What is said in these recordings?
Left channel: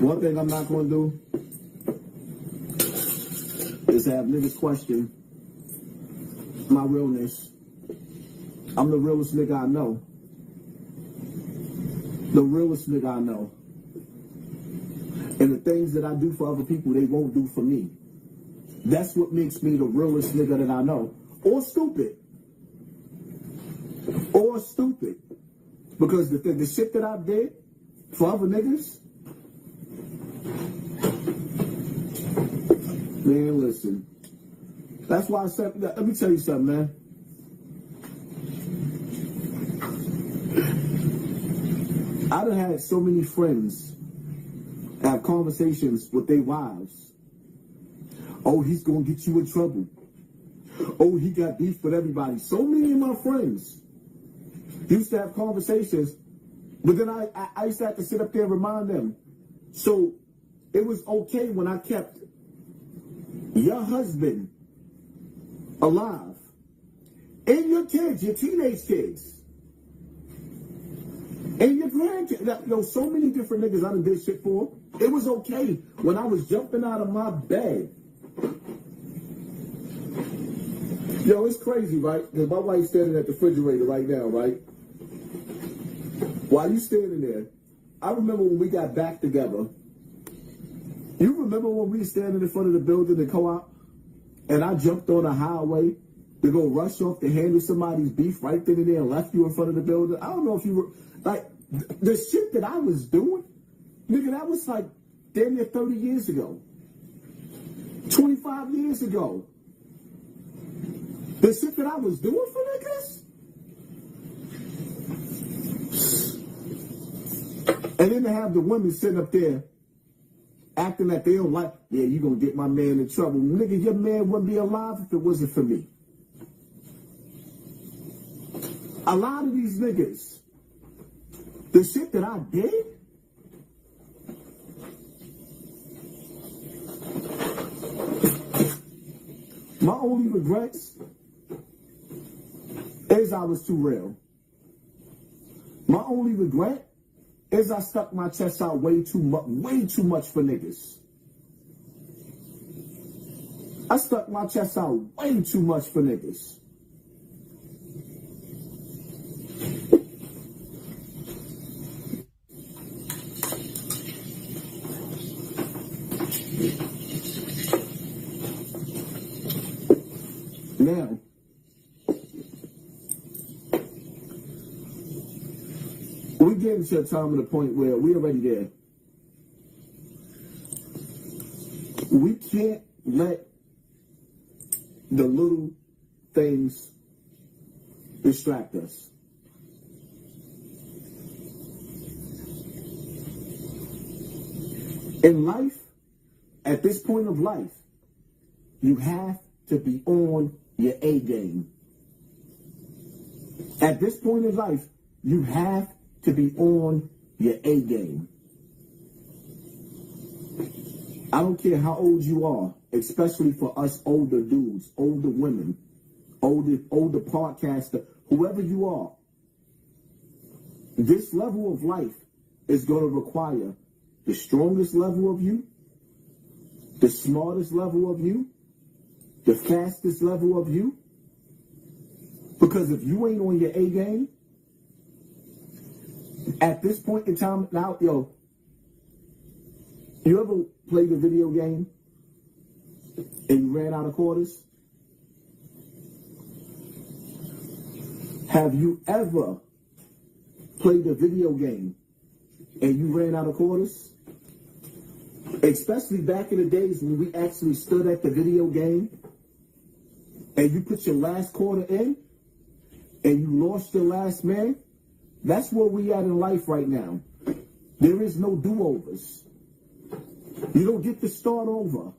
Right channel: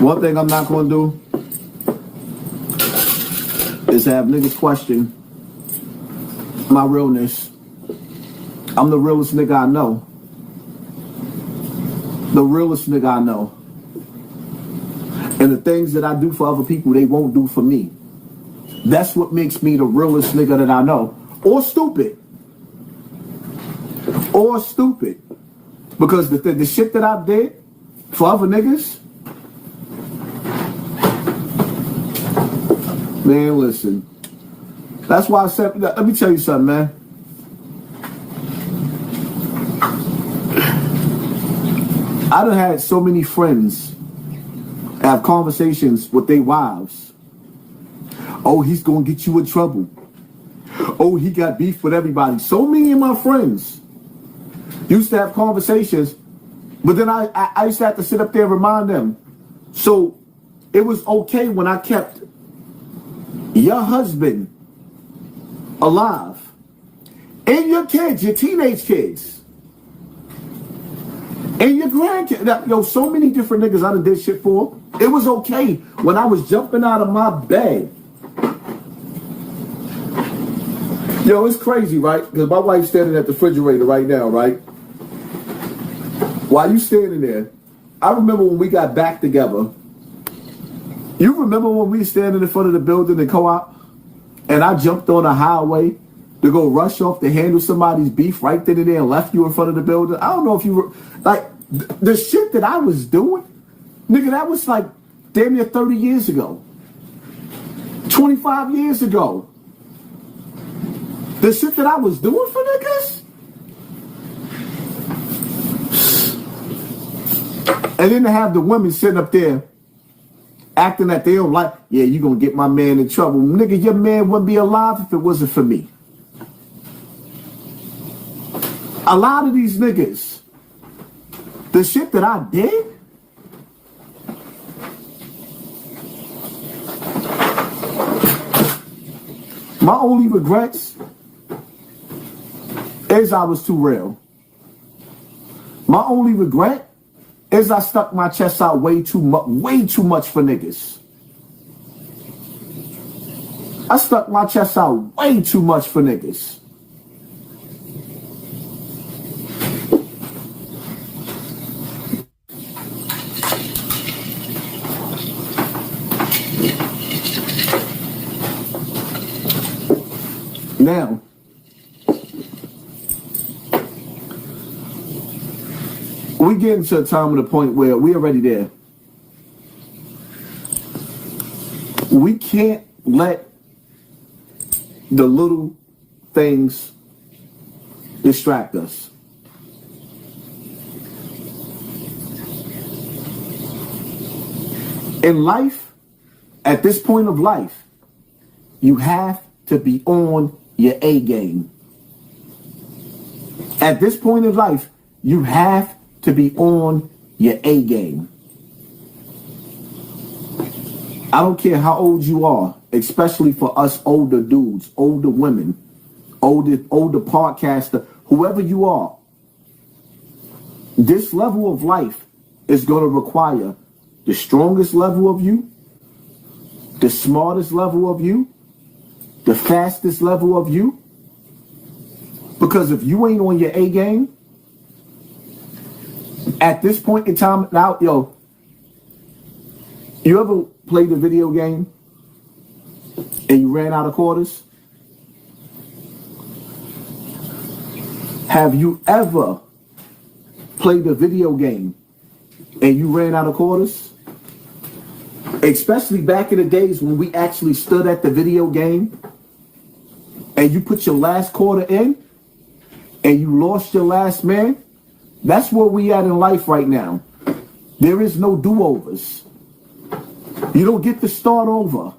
One thing I'm not going to do is have niggas question my realness. I'm the realest nigga I know. The realest nigga I know. And the things that I do for other people, they won't do for me. That's what makes me the realest nigga that I know. Or stupid. Or stupid. Because the shit that I did for other niggas, man, listen. That's why I said, let me tell you something, man. I done had so many friends have conversations with their wives. Oh, he's gonna get you in trouble. Oh, he got beef with everybody. So many of my friends used to have conversations, but then I used to have to sit up there and remind them. So it was okay when I kept your husband alive and your kids, your teenage kids, and your grandkids. Yo, so many different niggas I done did shit for. It was okay when I was jumping out of my bed. Yo, it's crazy, right? Because my wife's standing at the refrigerator right now, right? While you standing there, I remember when we got back together. You remember when we were standing in front of the building in Co-op? And I jumped on a highway to go rush off to handle somebody's beef right then and there and left you in front of the building? I don't know if you were... Like, the shit that I was doing, nigga, that was like damn near 30 years ago. 25 years ago. The shit that I was doing for niggas? And then to have the women sitting up there acting that they don't like, yeah, you gonna get my man in trouble. Nigga, your man wouldn't be alive if it wasn't for me. A lot of these niggas, the shit that I did, my only regrets is I was too real. My only regret is I stuck my chest out way too much for niggas. I stuck my chest out way too much for niggas. Now, we getting to a time of the point where we're already there. We can't let the little things distract us. In life, at this point of life, you have to be on your A game. At this point in life, you have to be on your A game. I don't care how old you are, especially for us older dudes, older women, older podcaster, whoever you are. This level of life is going to require the strongest level of you, the smartest level of you, the fastest level of you. Because if you ain't on your A game, at this point in time, now, yo, you ever played a video game and you ran out of quarters? Have you ever played a video game and you ran out of quarters? Especially back in the days when we actually stood at the video game and you put your last quarter in and you lost your last man. That's where we at in life right now. There is no do-overs. You don't get to start over.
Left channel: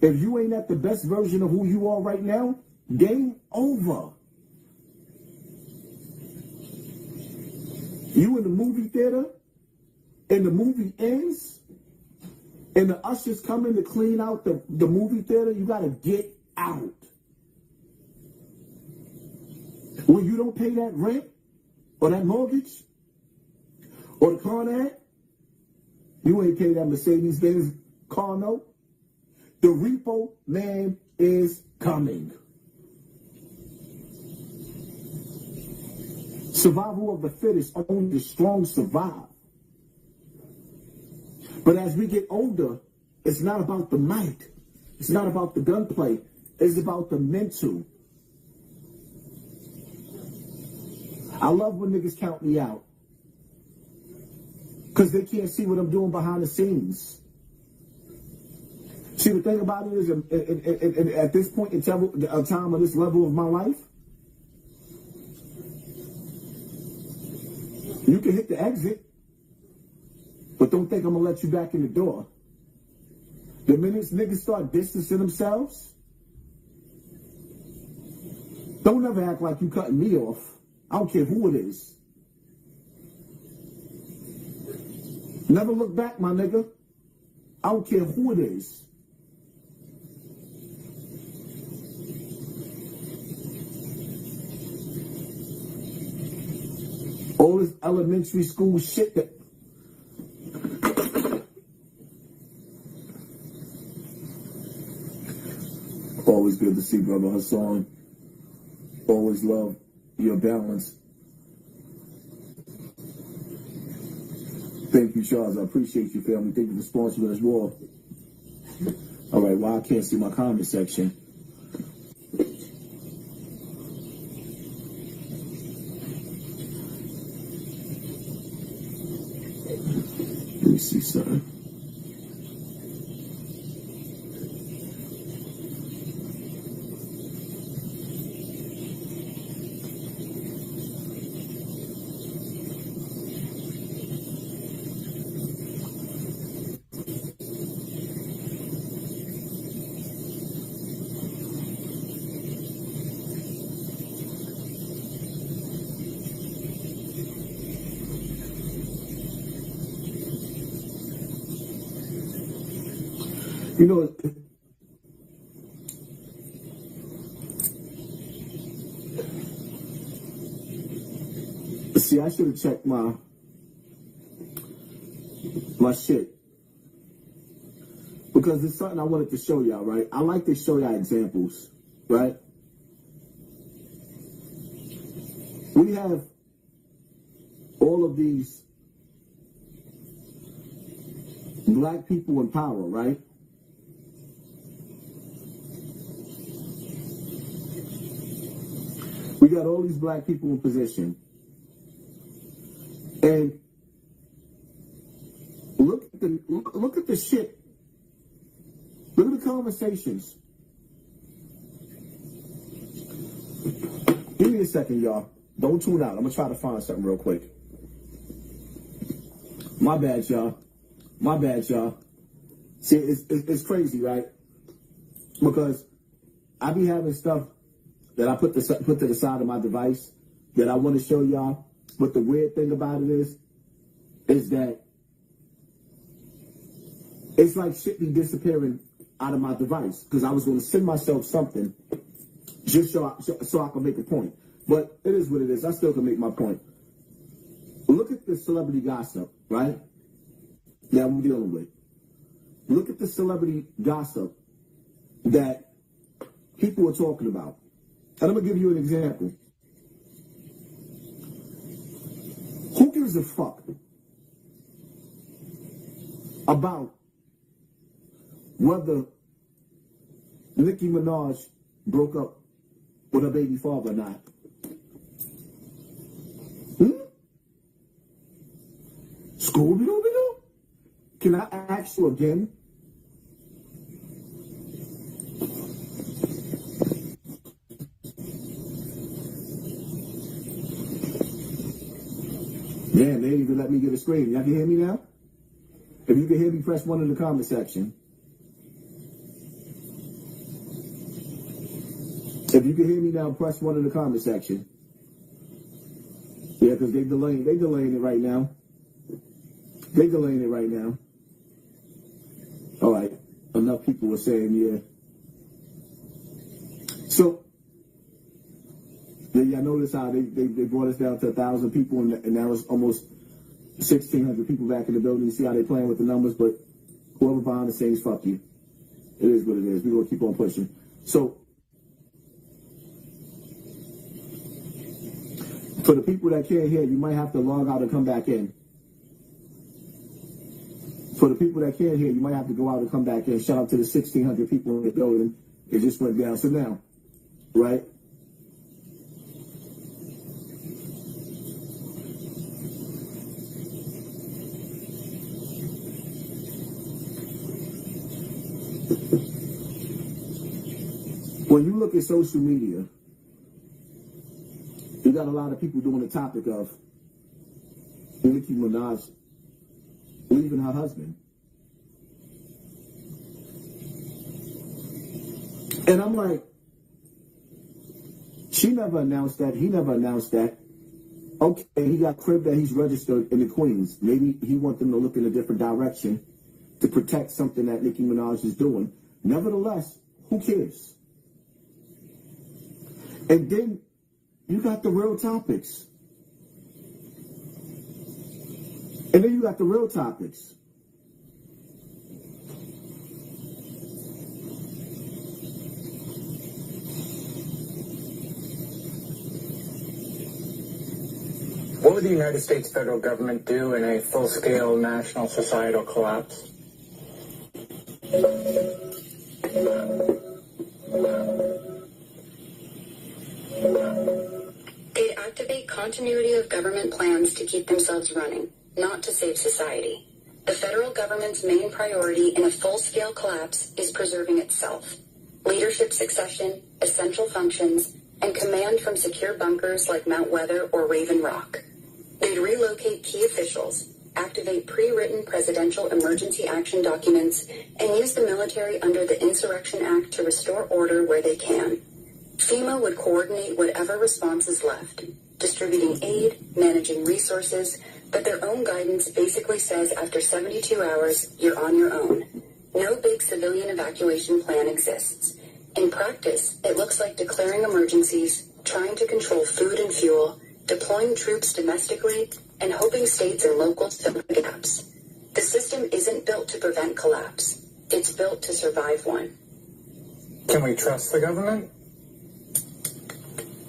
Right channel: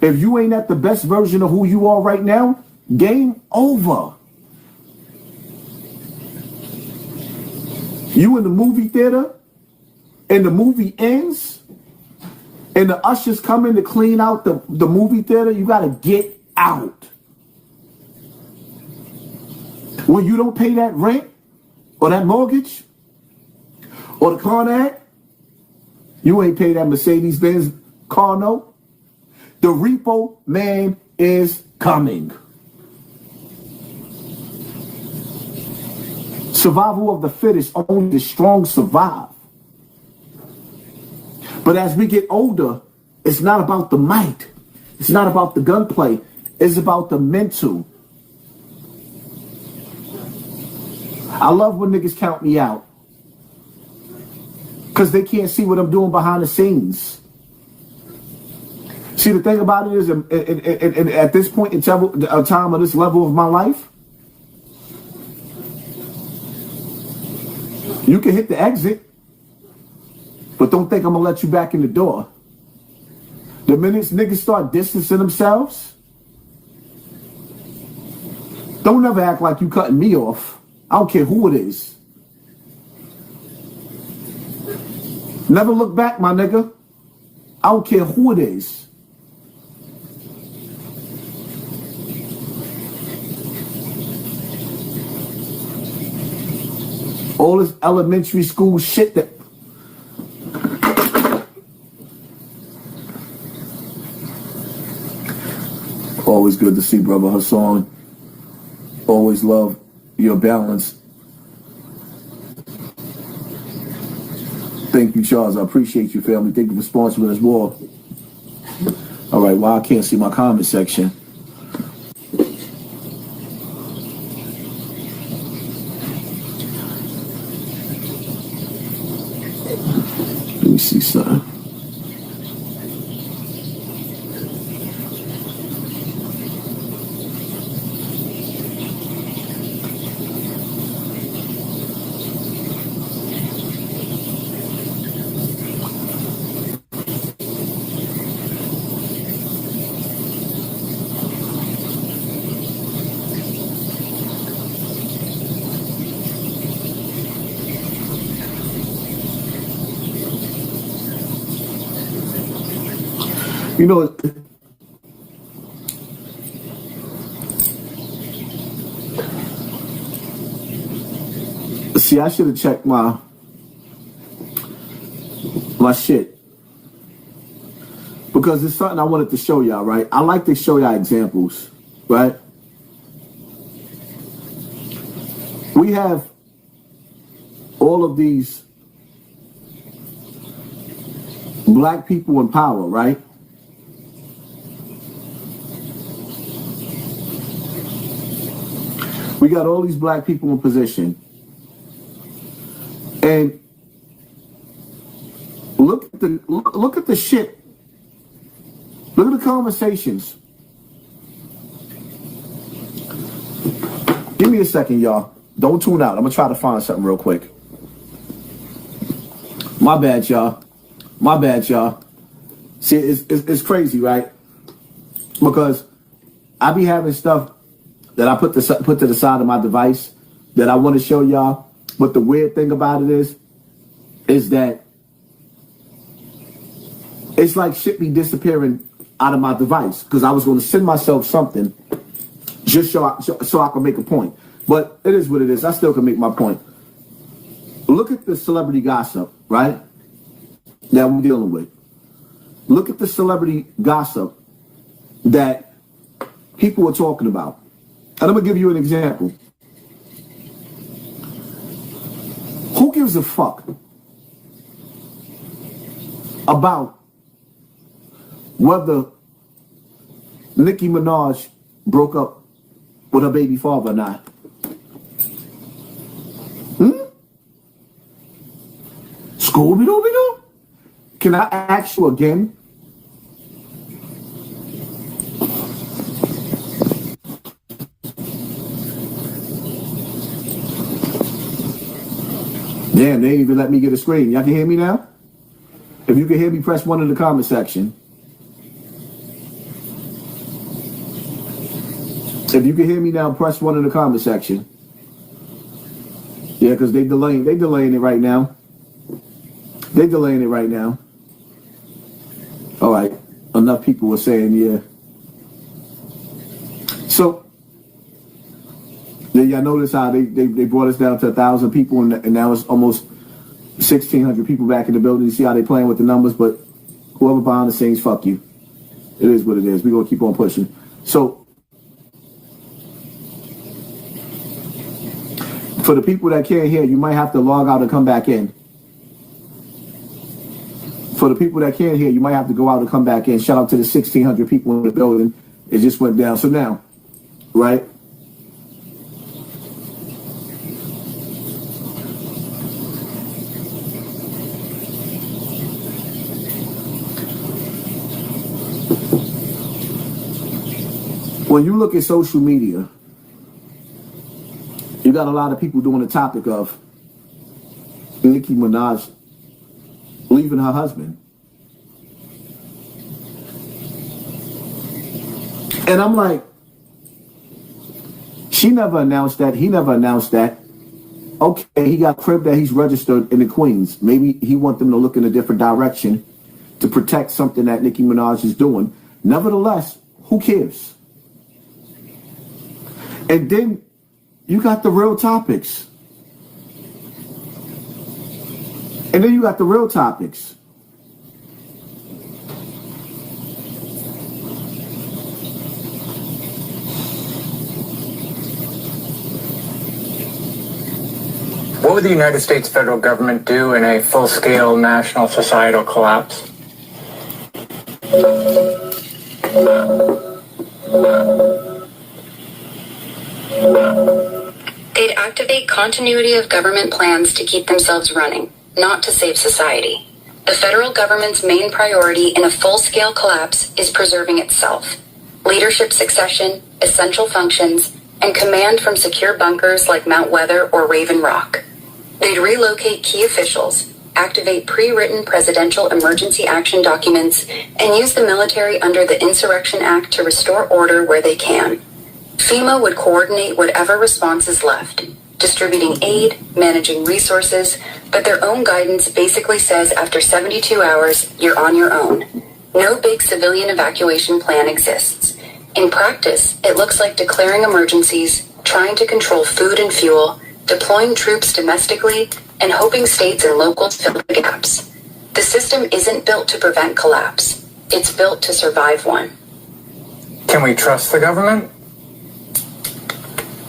If you ain't at the best version of who you are right now, game over. You in the movie theater and the movie ends and the ushers come in to clean out the movie theater, you gotta get out. When you don't pay that rent or that mortgage or the car note, You ain't pay that Mercedes-Benz car note. The repo man is coming. Survival of the fittest, only the strong survive. But as we get older, it's not about the might. It's not about the gunplay. It's about the mental. I love when niggas count me out, because they can't see what I'm doing behind the scenes. See, the thing about it is, at this point in time of this level of my life, you can hit the exit, but don't think I'm going to let you back in the door. The minute niggas start distancing themselves, don't ever act like you cutting me off. I don't care who it is. Never look back, my nigga. I don't care who it is. All this elementary school shit that... Always good to see Brother Hassan. Always love your balance. Thank you, Charles. I appreciate you, family. Thank you for sponsoring us more. All right, well, I can't see my comment section. Let me see something. You know, see, I should have checked my shit, because it's something I wanted to show y'all, right? I like to show y'all examples, right? We have all of these black people in power, right? We got all these black people in position. And look at the shit. Look at the conversations. Give me a second, y'all. Don't tune out. I'm gonna try to find something real quick. My bad, y'all. My bad, y'all. See, it's crazy, right? Because I be having stuff that I put to the side of my device that I want to show y'all. But the weird thing about it is that it's like shit be disappearing out of my device, because I was going to send myself something just so I can make a point. But it is what it is. I still can make my point. Look at the celebrity gossip, right? That we're dealing with. Look at the celebrity gossip that people are talking about. And I'm going to give you an example. Who gives a fuck about whether Nicki Minaj broke up with her baby father or not? Scooby-Dooby-Doo? Can I ask you again? Damn, they ain't even let me get a screen. Y'all can hear me now? If you can hear me, press 1 in the comment section. If you can hear me now, press 1 in the comment section. Yeah, because they delaying it right now. They delaying it right now. All right. Enough people were saying, yeah. So, y'all notice how they brought us down to 1,000 people, and now it's almost 1,600 people back in the building. You see how they playing with the numbers, but whoever behind the scenes, fuck you. It is what it is. We're going to keep on pushing. So, for the people that can't hear, you might have to log out and come back in. For the people that can't hear, you might have to go out and come back in. Shout out to the 1,600 people in the building. It just went down. So now, right? When you look at social media, you got a lot of people doing the topic of Nicki Minaj leaving her husband. And I'm like, she never announced that. He never announced that. Okay, he got crib that he's registered in the Queens. Maybe he want them to look in a different direction to protect something that Nicki Minaj is doing. Nevertheless, who cares? And then you got the real topics. And then you got the real topics. What would the United States federal government do in a full-scale national societal collapse? They'd activate continuity of government plans to keep themselves running, not to save society. The federal government's main priority in a full-scale collapse is preserving itself. Leadership succession, essential functions, and command from secure bunkers like Mount Weather or Raven Rock. They'd relocate key officials, activate pre-written presidential emergency action documents, and use the military under the Insurrection Act to restore order where they can. FEMA would coordinate whatever response is left, distributing aid, managing resources, but their own guidance basically says after 72 hours, you're on your own. No big civilian evacuation plan exists. In practice, it looks like declaring emergencies, trying to control food and fuel, deploying troops domestically, and hoping states and locals fill the gaps. The system isn't built to prevent collapse. It's built to survive one. Can we trust the government?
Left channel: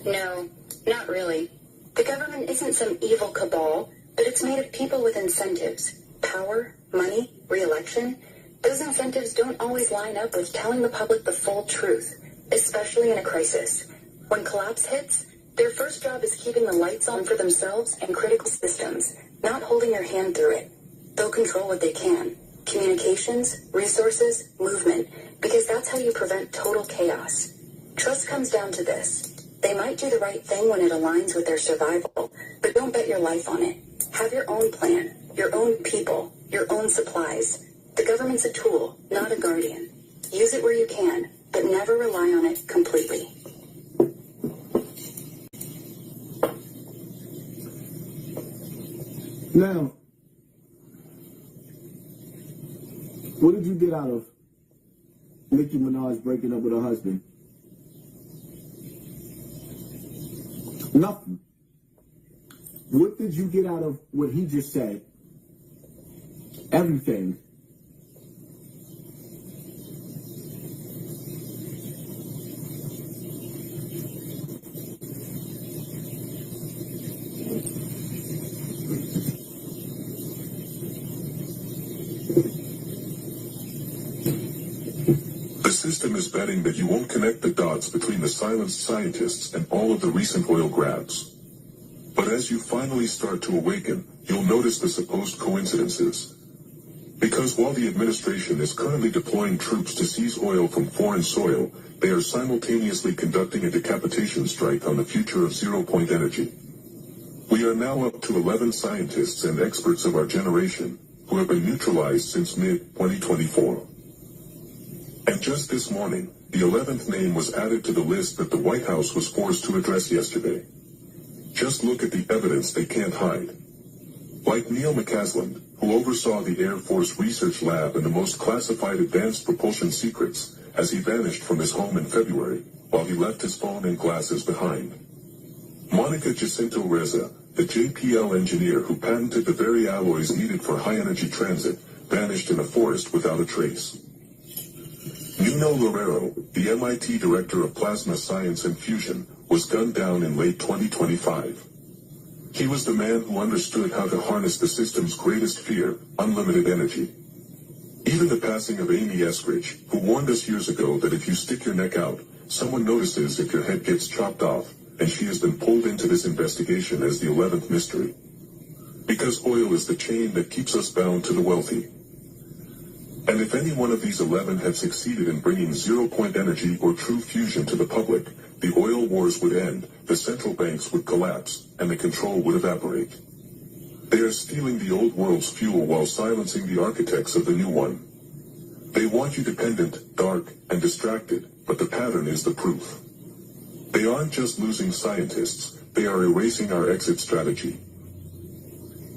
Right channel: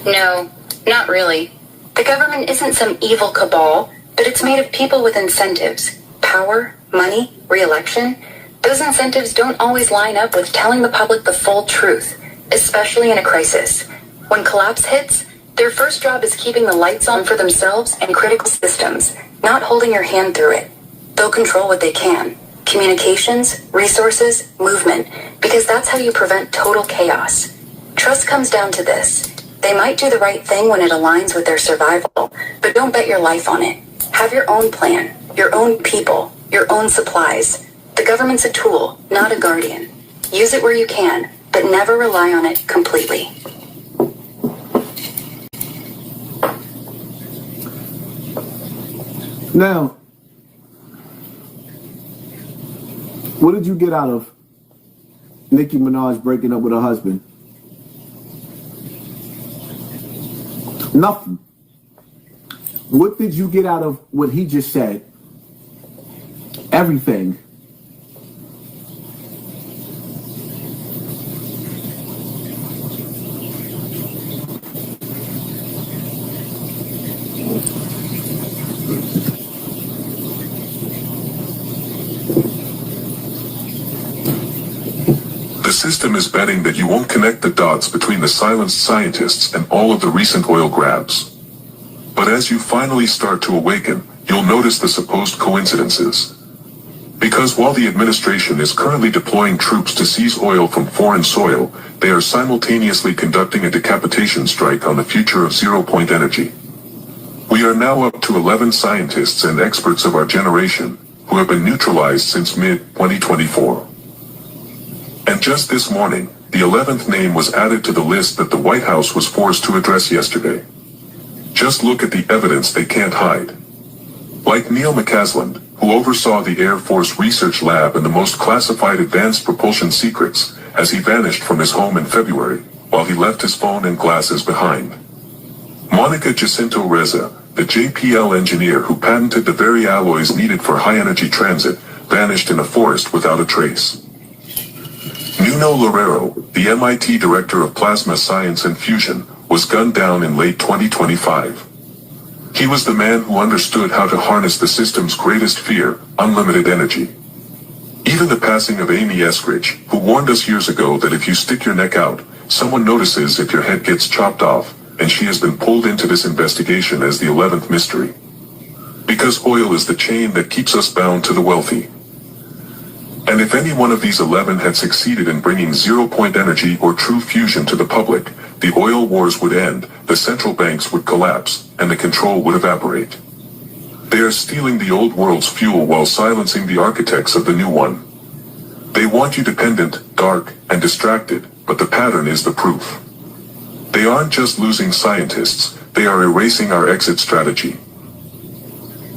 No, not really. The government isn't some evil cabal, but it's made of people with incentives. Power, money, re-election. Those incentives don't always line up with telling the public the full truth, especially in a crisis. When collapse hits, their first job is keeping the lights on for themselves and critical systems, not holding your hand through it. They'll control what they can. Communications, resources, movement, because that's how you prevent total chaos. Trust comes down to this. They might do the right thing when it aligns with their survival, but don't bet your life on it. Have your own plan, your own people, your own supplies. The government's a tool, not a guardian. Use it where you can, but never rely on it completely. Now, what did you get out of Nicki Minaj breaking up with her husband? Nothing. What did you get out of what he just said? Everything. The system is betting that you won't connect the dots between the silenced scientists and all of the recent oil grabs. But as you finally start to awaken, you'll notice the supposed coincidences. Because while the administration is currently deploying troops to seize oil from foreign soil, they are simultaneously conducting a decapitation strike on the future of zero-point energy. We are now up to 11 scientists and experts of our generation who have been neutralized since mid-2024. And just this morning, the 11th name was added to the list that the White House was forced to address yesterday. Just look at the evidence they can't hide. Like Neil McCasland, who oversaw the Air Force Research Lab and the most classified advanced propulsion secrets, as he vanished from his home in February, while he left his phone and glasses behind. Monica Jacinto Reza, the JPL engineer who patented the very alloys needed for high-energy transit, vanished in a forest without a trace. Nuno Loureiro, the MIT director of plasma science and fusion, was gunned down in late 2025. He was the man who understood how to harness the system's greatest fear, unlimited energy. Even the passing of Amy Eskridge, who warned us years ago that if you stick your neck out, someone notices if your head gets chopped off, and she has been pulled into this investigation as the 11th mystery. Because oil is the chain that keeps us bound to the wealthy. And if any one of these 11 had succeeded in bringing zero-point energy or true fusion to the public, the oil wars would end, the central banks would collapse, and the control would evaporate. They are stealing the old world's fuel while silencing the architects of the new one. They want you dependent, dark, and distracted, but the pattern is the proof. They aren't just losing scientists, they are erasing our exit strategy.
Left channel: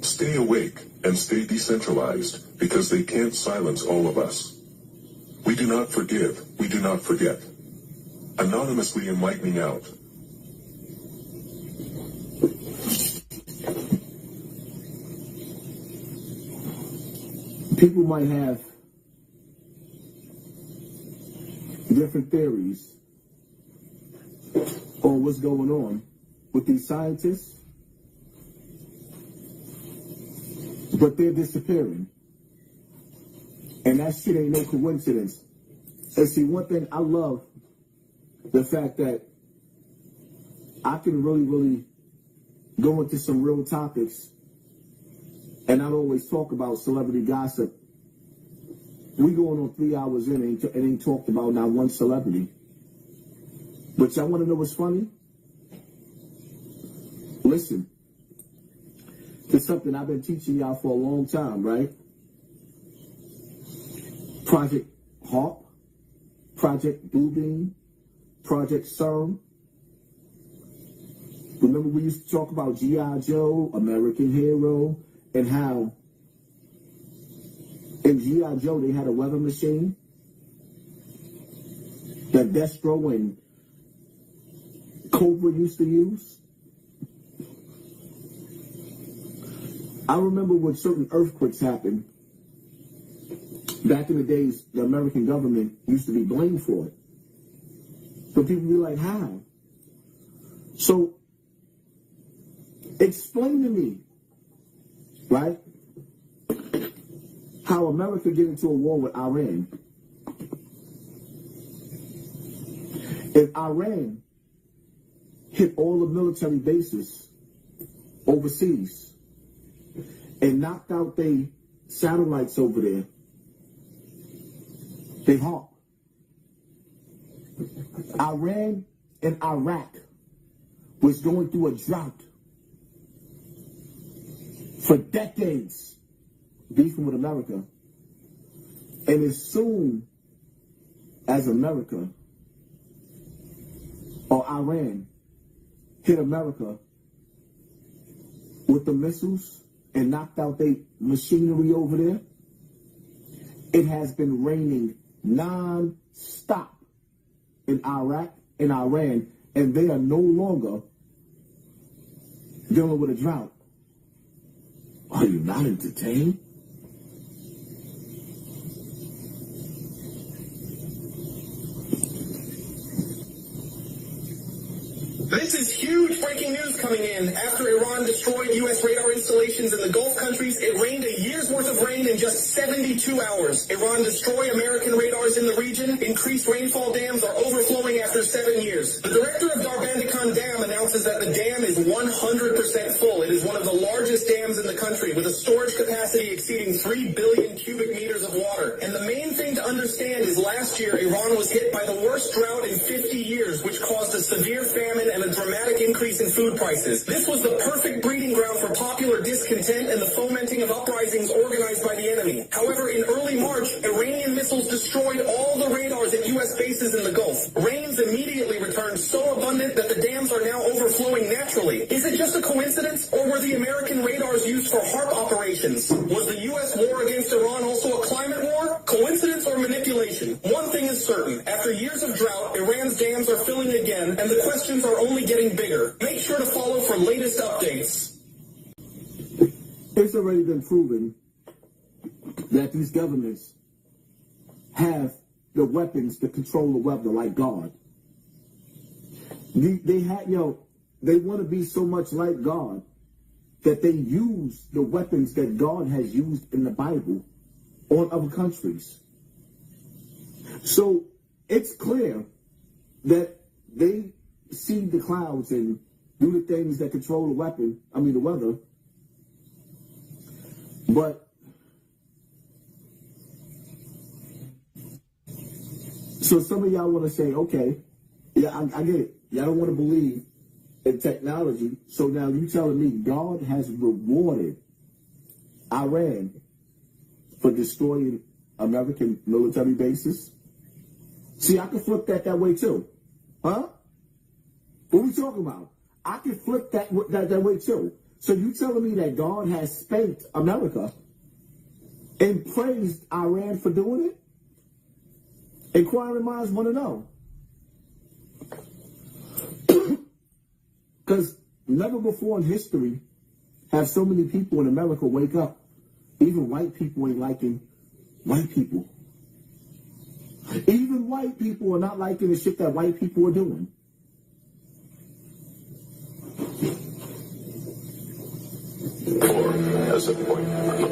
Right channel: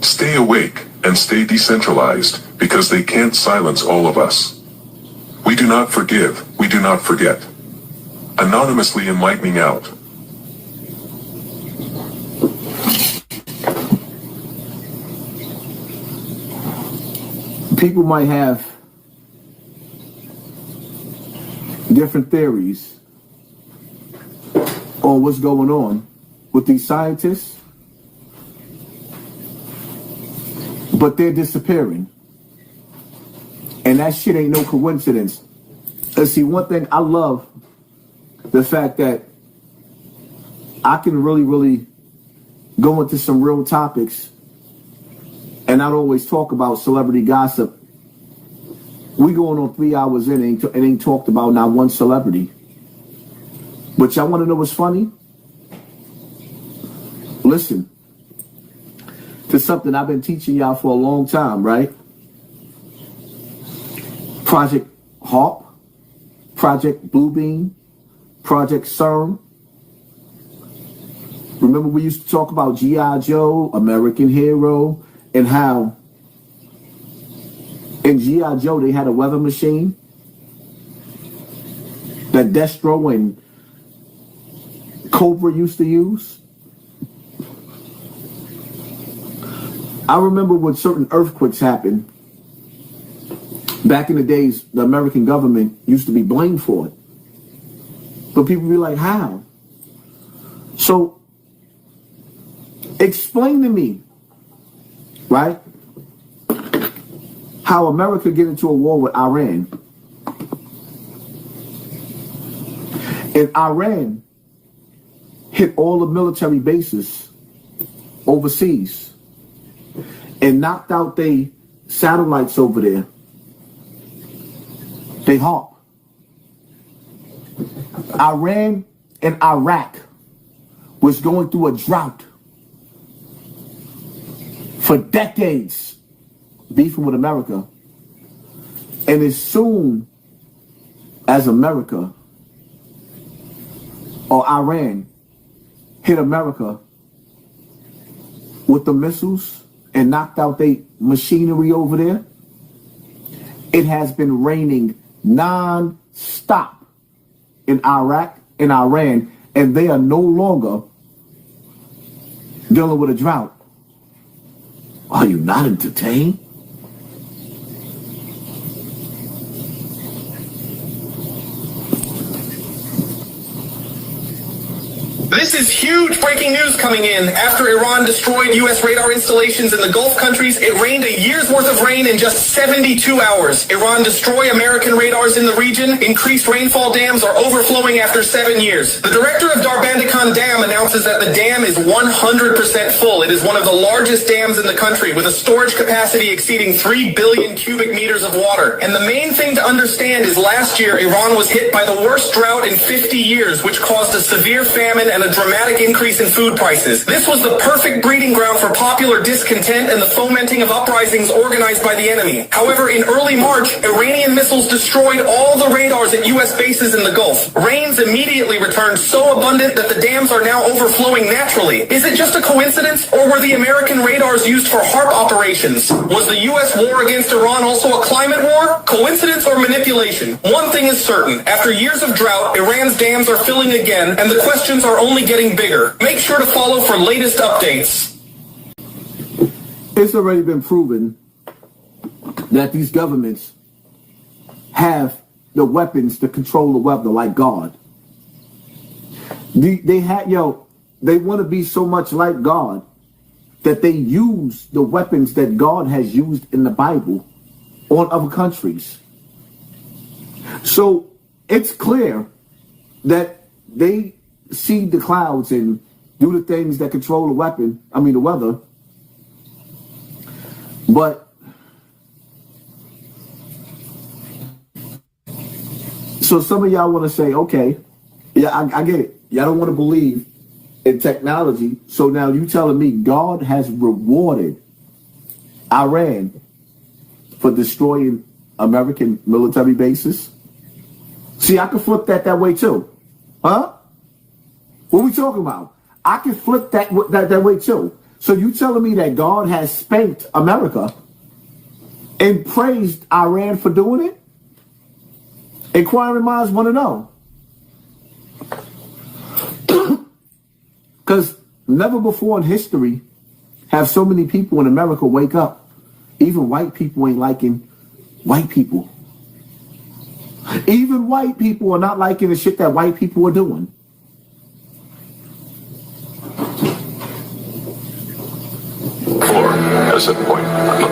Stay awake and stay decentralized, because they can't silence all of us. We do not forgive, we do not forget. Anonymously enlightening out. People might have different theories on what's going on with these scientists, but they're disappearing. And that shit ain't no coincidence. And see, one thing I love, the fact that I can really go into some real topics and not always talk about celebrity gossip. We going on 3 hours in and ain't talked about not one celebrity. But y'all want to know what's funny? Listen to something I've been teaching y'all for a long time, right? Project HARP, Project Bluebeam, Project CERN. Remember we used to talk about G.I. Joe, American Hero, and how in G.I. Joe they had a weather machine that Destro and Cobra used to use. I remember when certain earthquakes happened, back in the days, the American government used to be blamed for it. But people be like, how? So, explain to me, right, how America get into a war with Iran. And Iran hit all the military bases overseas and knocked out their satellites over there. They HARP. Iran and Iraq was going through a drought for decades, beefing with America. And as soon as America or Iran hit America with the missiles and knocked out their machinery over there, it has been raining non-stop in Iraq and Iran, and they are no longer dealing with a drought. Are you not entertained? This is huge breaking news coming in. After Iran destroyed U.S. radar installations in the Gulf countries, it rained a year's worth of rain in just 72 hours. Iran destroy American radars in the region. Increased rainfall dams are overflowing after 7 years. The director of Governmental Dam announces that the dam is 100% full. It is one of the largest dams in the country with a storage capacity exceeding 3 billion cubic meters of water. And the main thing to understand is last year, Iran was hit by the worst drought in 50 years, which caused a severe famine and a dramatic increase in food prices. This was the perfect breeding ground for popular discontent and the fomenting of uprisings organized by the enemy. However, in early March, Iranian missiles destroyed all the radars at U.S. bases in the Gulf. Rains immediately returned so abundant that the dams are now overflowing naturally. Is it just a coincidence, or were the American radars used for HARP operations? Was the U.S. war against Iran also a climate war? Coincidence or manipulation? One thing is certain. After years of drought, Iran's dams are filling again, and the questions are only only getting bigger. Make sure to follow for latest updates. It's already been proven that these governments have the weapons to control the weather like God. They want to be so much like God that they use the weapons that God has used in the Bible on other countries. So it's clear that they see the clouds and do the things that control the weather. But so some of y'all want to say, okay, yeah, I get it. Y'all don't want to believe in technology. So now you telling me God has rewarded Iran for destroying American military bases? See, I can flip that way too. Huh? What are we talking about? I can flip that way too. So you telling me that God has spanked America and praised Iran for doing it? Inquiring minds want to know. Because never before in history have so many people in America wake up. Even white people ain't liking white people. Even white people are not liking the shit that white people are doing. At a certain point.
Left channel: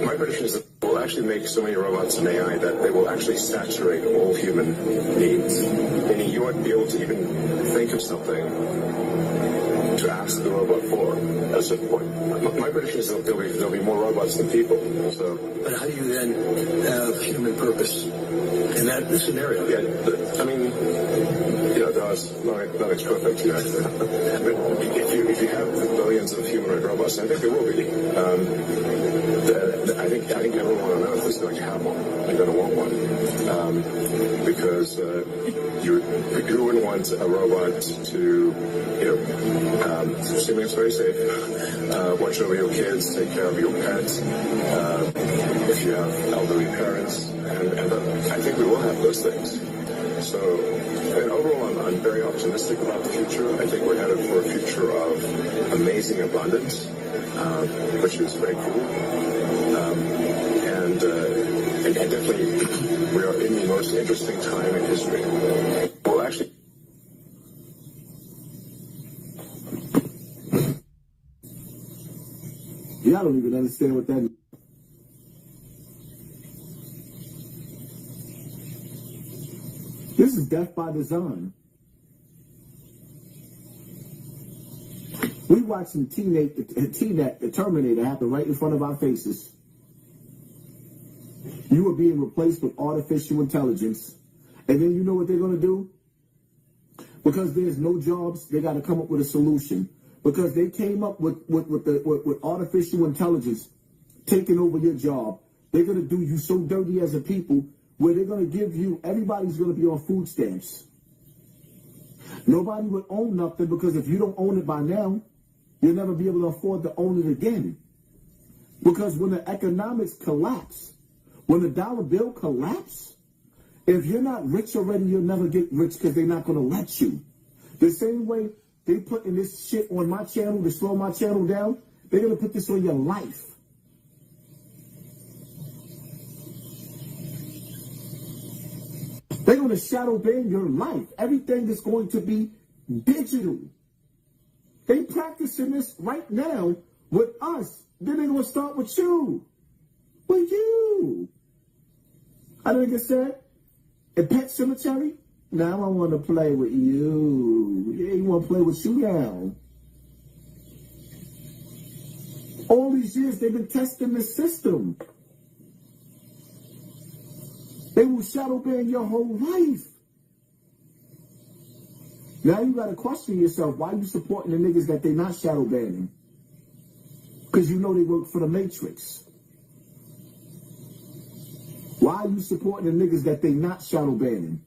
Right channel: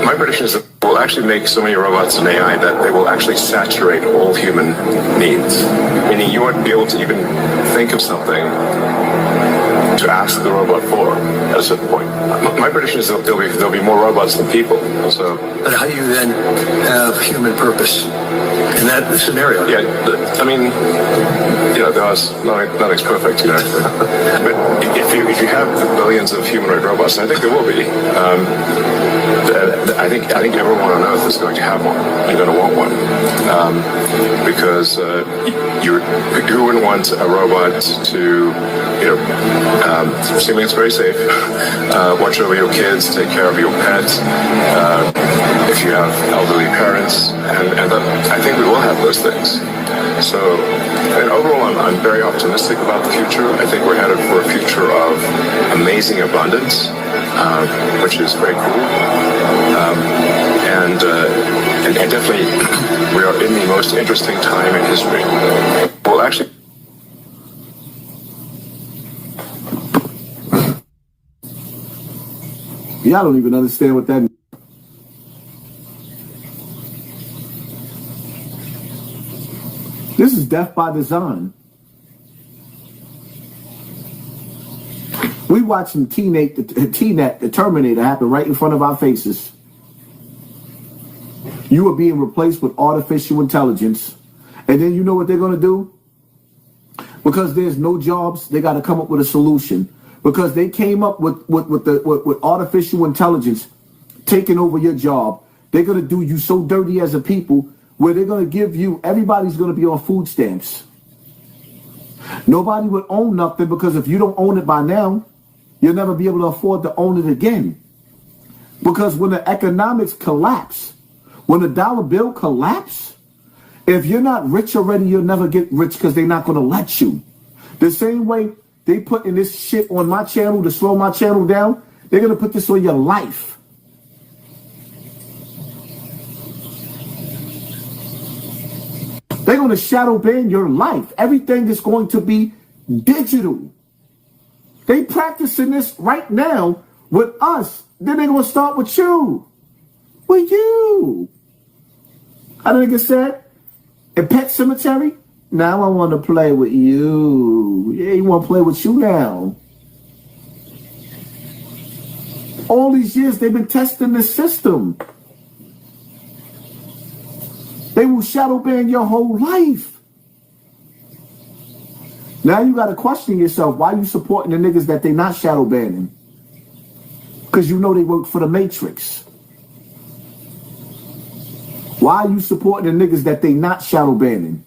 My prediction is that we'll actually make so many robots and AI that they will actually saturate all human needs. Meaning you won't be able to even think of something to ask the robot for at a certain point. My prediction is that there'll be more robots than people. So, but how do you then have human purpose in that scenario? Yeah, I mean, nothing's perfect, But if you have billions of humanoid robots, and I think there will be, I think everyone on Earth is going to have one and going to want one, because who wouldn't want a robot to, assuming it's very safe, watch over your kids, take care of your pets, if you have elderly parents, and I think we will have those things. So, and overall, I'm very optimistic about the future. I think we're headed for a future of amazing abundance, which is very cool. And definitely, we are in the most interesting time in history. Well, actually, y'all don't even understand what that means. This is death by design. We watching T-Net, the Terminator, happen right in front of our faces. You are being replaced with artificial intelligence. And then you know what they're going to do? Because there's no jobs, they got to come up with a solution. Because they came up with artificial intelligence taking over your job. They're going to do you so dirty as a people where they're going to give you, everybody's going to be on food stamps. Nobody would own nothing because if you don't own it by now, you'll never be able to afford to own it again. Because when the economics collapse, when the dollar bill collapse, if you're not rich already, you'll never get rich because they're not going to let you. The same way they put in this shit on my channel to slow my channel down, they're going to put this on your life. They're going to shadow ban your life. Everything is going to be digital. They practicing this right now with us. Then they're going to start with you. With you. How the nigga said? In Pet Cemetery? Now I want to play with you. Yeah, you want to play with you now. All these years they've been testing this system. They will shadow ban your whole life. Now you got to question yourself. Why you supporting the niggas that they not shadow banning? Because you know they work for the Matrix. Why are you supporting the niggas that they not shadow banning?